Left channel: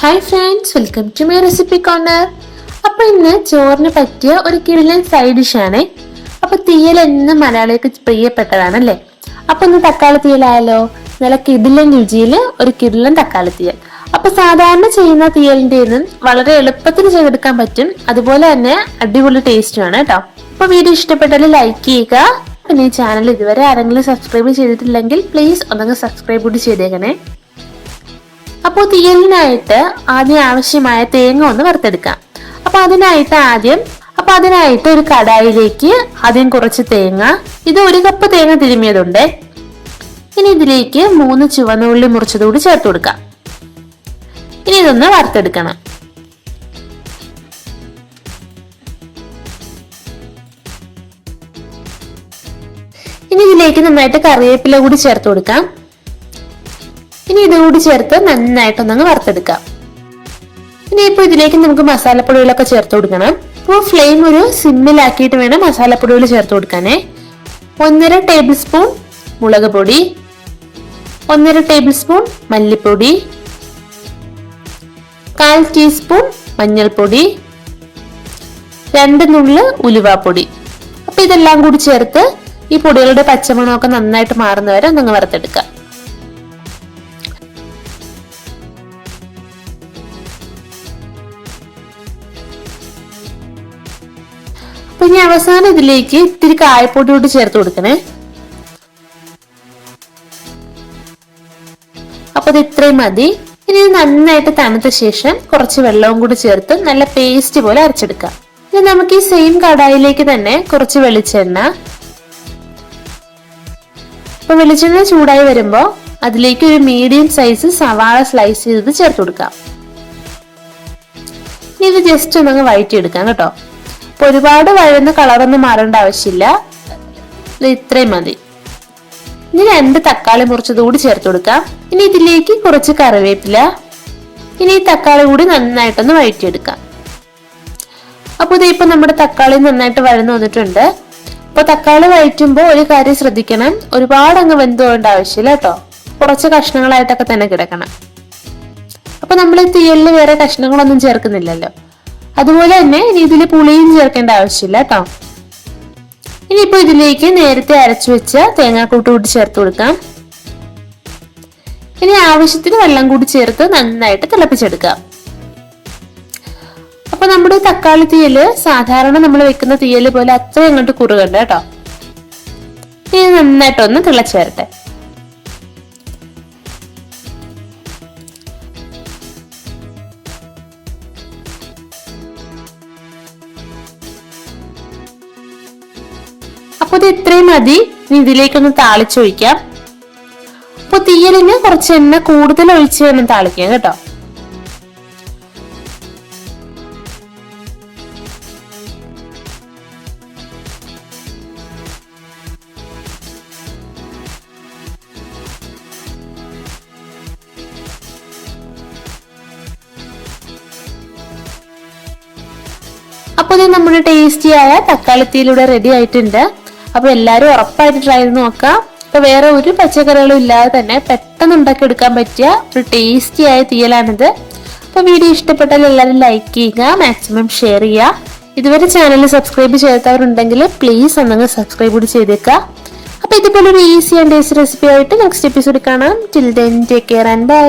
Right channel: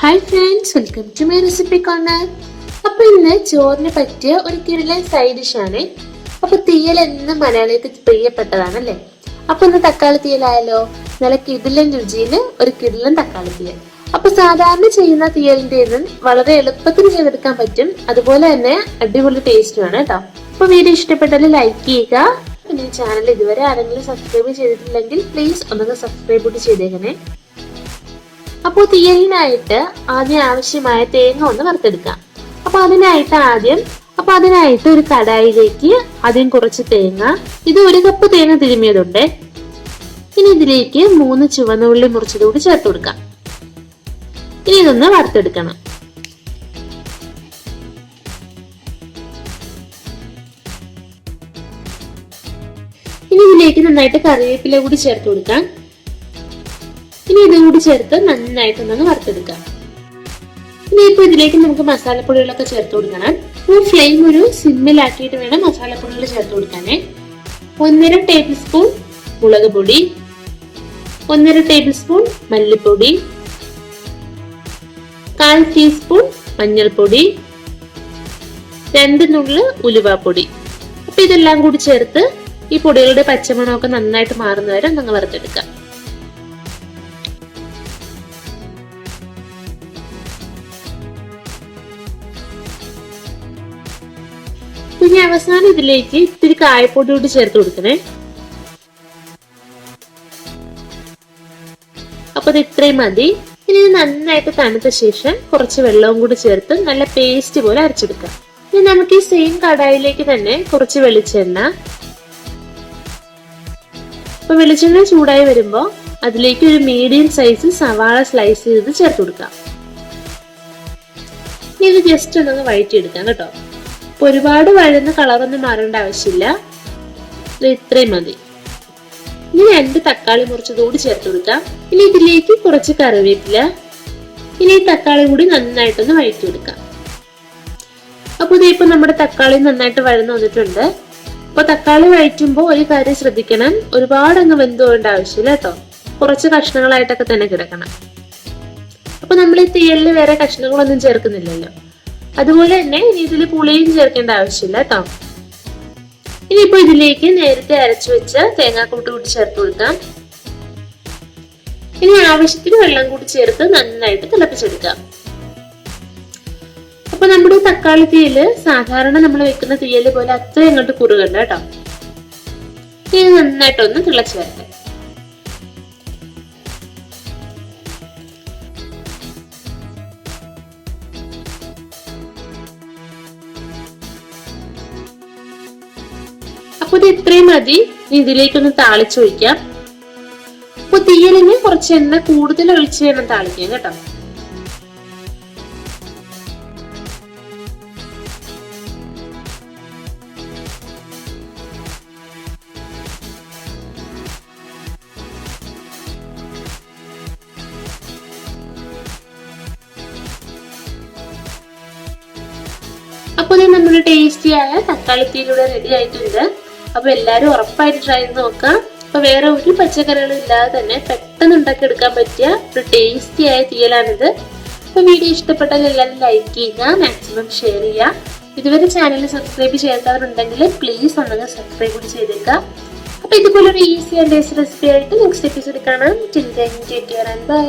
Hi friends, welcome to my recipe corner. അപ്പൊ ഇന്ന് ചോറിന് പറ്റിയ ഒരു കിടിലൻ സൈഡ് ഡിഷാണ്. അപ്പൊ തീയൽ എന്നും മലയാളികൾക്ക് പ്രിയപ്പെട്ടതാണല്ലേ. അപ്പൊ ഇന്ന് തക്കാളി തീയലായാലോ. നല്ല കിടിലൻ രുചിയിൽ ഒരു കിടിലൻ തക്കാളി തീയൽ. അപ്പൊ സാധാരണ ചെയ്യുന്ന തീയലിന്റെ വളരെ എളുപ്പത്തിൽ ചെയ്തെടുക്കാൻ പറ്റും. അതുപോലെ തന്നെ അടിപൊളി ടേസ്റ്റുമാണ് കേട്ടോ. അപ്പൊ വീഡിയോ ഇഷ്ടപ്പെട്ടാൽ ലൈക്ക് ചെയ്യുക. പിന്നെ ഈ ചാനൽ ഇതുവരെ ആരെങ്കിലും സബ്സ്ക്രൈബ് ചെയ്തിട്ടില്ലെങ്കിൽ പ്ലീസ് ഒന്നങ്ങ് സബ്സ്ക്രൈബ് കൂടി ചെയ്തേക്കണേ. അപ്പോൾ തീയലിനായിട്ട് ആദ്യം ആവശ്യമായ തേങ്ങ ഒന്ന് വറുത്തെടുക്കാം. അതിനായിട്ട് ഒരു കടായിലേക്ക് ആദ്യം കുറച്ച് തേങ്ങ, ഇത് 1 കപ്പ് തേങ്ങ തിരുമിയതുണ്ട്. ഇനി ഇതിലേക്ക് 3 ചുവന്ന ഉള്ളി മുറിച്ചതുകൂടി ചേർത്ത് കൊടുക്കാം. ഇനി ഇതൊന്ന് വറുത്തെടുക്കണം. ഇനി ഇതിലേക്ക് നന്നായിട്ട് കറിവേപ്പില കൂടി ചേർത്ത് കൊടുക്കാം. ഇനി ഇതുകൂടി ചേർത്ത് നന്നായിട്ടൊന്നങ്ങ് വറുത്തെടുക്കാം. ഇനിയിപ്പോ ഇതിലേക്ക് നമുക്ക് മസാലപ്പൊടികളൊക്കെ ചേർത്ത് കൊടുക്കണം. അപ്പോൾ ഫ്ലെയിം ഒരു സിമ്മിലാക്കിയിട്ട് വേണം മസാലപ്പൊടികൾ ചേർത്ത് കൊടുക്കാനേ. 1.5 ടേബിൾ സ്പൂൺ മുളക് പൊടി, 1.5 ടേബിൾ സ്പൂൺ മല്ലിപ്പൊടി, 1/4 ടീസ്പൂൺ മഞ്ഞൾപ്പൊടി, 2 നുള്ള് ഉലുവാപ്പൊടി. അപ്പൊ ഇതെല്ലാം കൂടി ചേർത്ത് ഈ പൊടികളുടെ പച്ചമണമൊക്കെ നന്നായിട്ട് മാറുന്നവരെ ഒന്നങ്ങ് വറുത്തെടുക്കാം. ഇനി അവസാനം ഇതിലേക്ക് ഇത്തിരി കായപ്പൊടി കൂടി ചേർത്ത് കൊടുക്കണേ. അപ്പൊ ഇത് ഇത്രയും മതി. ഇനി നന്നായിട്ട് തണുത്ത ശേഷം കുറച്ച് വെള്ളവും കൂടി ചേർത്ത് നല്ല പേസ്റ്റ് പോലെ അരച്ചെടുക്കാം. ഇനി നമുക്ക് ഈ സെയിം കടായിലേക്ക് തന്നെ കുറച്ച് വെളിച്ചെണ്ണ, അപ്പൊ വെളിച്ചെണ്ണ ചൂടായി വരുമ്പോ അതിലേക്ക് ഒരു മീഡിയം സൈസ് സവാള സ്ലൈസ് ചെയ്ത് ചേർത്ത് കൊടുക്കാം. ഇനി ഇത് ജസ്റ്റ് ഒന്നങ്ങ് വഴറ്റിയെടുക്കാം കേട്ടോ. ഒരുപാട് വഴന്ന കളറൊന്നും മാറേണ്ട ആവശ്യമില്ല, ഇത്രയും മതി. ഇനി 2 തക്കാളി മുറിച്ചത് കൂടി ചേർത്ത് കൊടുക്കാം. ഇനി ഇതിലേക്ക് കുറച്ച് കറിവേപ്പില. ഇനി ഈ തക്കാളി കൂടി നന്നായിട്ടൊന്ന് വഴറ്റിയെടുക്കാം. അപ്പൊ ഇതിപ്പോ നമ്മുടെ തക്കാളി നന്നായിട്ട് വഴന്നു വന്നിട്ടുണ്ട്. അപ്പൊ തക്കാളി വഴറ്റുമ്പോ ഒരു കാര്യം ശ്രദ്ധിക്കണം, ഒരുപാട് അങ്ങ് വെന്ത് പോകേണ്ട ആവശ്യമില്ല കേട്ടോ. കുറച്ച് കഷ്ണങ്ങളായിട്ടൊക്കെ തന്നെ കിടക്കണം. അപ്പൊ നമ്മൾ ഈ തീയലിൽ വേറെ കഷ്ണങ്ങളൊന്നും ചേർക്കുന്നില്ലല്ലോ. അതുപോലെ തന്നെ ഇനി ഇതിൽ പുളിയും ചേർക്കേണ്ട ആവശ്യമില്ല കേട്ടോ. ഇനിയിപ്പോ ഇതിലേക്ക് നേരത്തെ അരച്ചു വെച്ച തേങ്ങാക്കൂട്ട് കൂടി ചേർത്ത് കൊടുക്കാം. ഇനി ആവശ്യത്തിന് വെള്ളം കൂടി ചേർത്ത് നന്നായിട്ട് തിളപ്പിച്ചെടുക്കാം. അപ്പൊ നമ്മുടെ തക്കാളി തീയല് സാധാരണ നമ്മൾ വെക്കുന്ന തീയല് പോലെ അത്ര ഇങ്ങോട്ട് കുറുകണ്ട കേട്ടോ. ഇത് നന്നായിട്ടൊന്ന് തിളച്ചേരട്ടെ. അപ്പൊ ഇത് ഇത്രയും മതി. ഇതിലേക്കൊന്ന് താളിച്ചൊഴിക്കാം. അപ്പൊ തീയലിന് കുറച്ച് എണ്ണ കൂടുതൽ ഒഴിച്ച് വേണം താളിക്കാൻ കേട്ടോ. അപ്പൊ നമ്മുടെ ടേസ്റ്റിയായ തക്കാളിത്തീയിലൂടെ റെഡി ആയിട്ടുണ്ട്. അപ്പൊ എല്ലാരും ഉറപ്പായിട്ട് ട്രൈ ചെയ്ത് നോക്കാം. അപ്പൊ വേറെ ഒരു പച്ചക്കറികളും ഇല്ലാതെ തന്നെ പെട്ടെന്ന് ഉണ്ടാക്കി എടുക്കാൻ പറ്റിയ ഒരു ടേസ്റ്റിയായ തീയലാണിത്. അപ്പൊ വീഡിയോ ഇഷ്ടപ്പെട്ടാൽ എല്ലാവരും ലൈക്ക് ചെയ്യുക, മാക്സിമം ഷെയർ ചെയ്യുക. ഇതുവരെ ചാനൽ സബ്സ്ക്രൈബ് ചെയ്യാത്തവരുണ്ടെങ്കിൽ പ്ലീസ് ഒന്നങ്ങ് സബ്സ്ക്രൈബ് കൂടി ചെയ്തേക്കുക. അപ്പൊ ഇതുപോലെ ഒരു ഈസി ആൻഡ് ടേസ്റ്റി റെസിപ്പി ആയിട്ട് നെക്സ്റ്റ് എപ്പിസോഡ് കാണാം. Till then take care and by.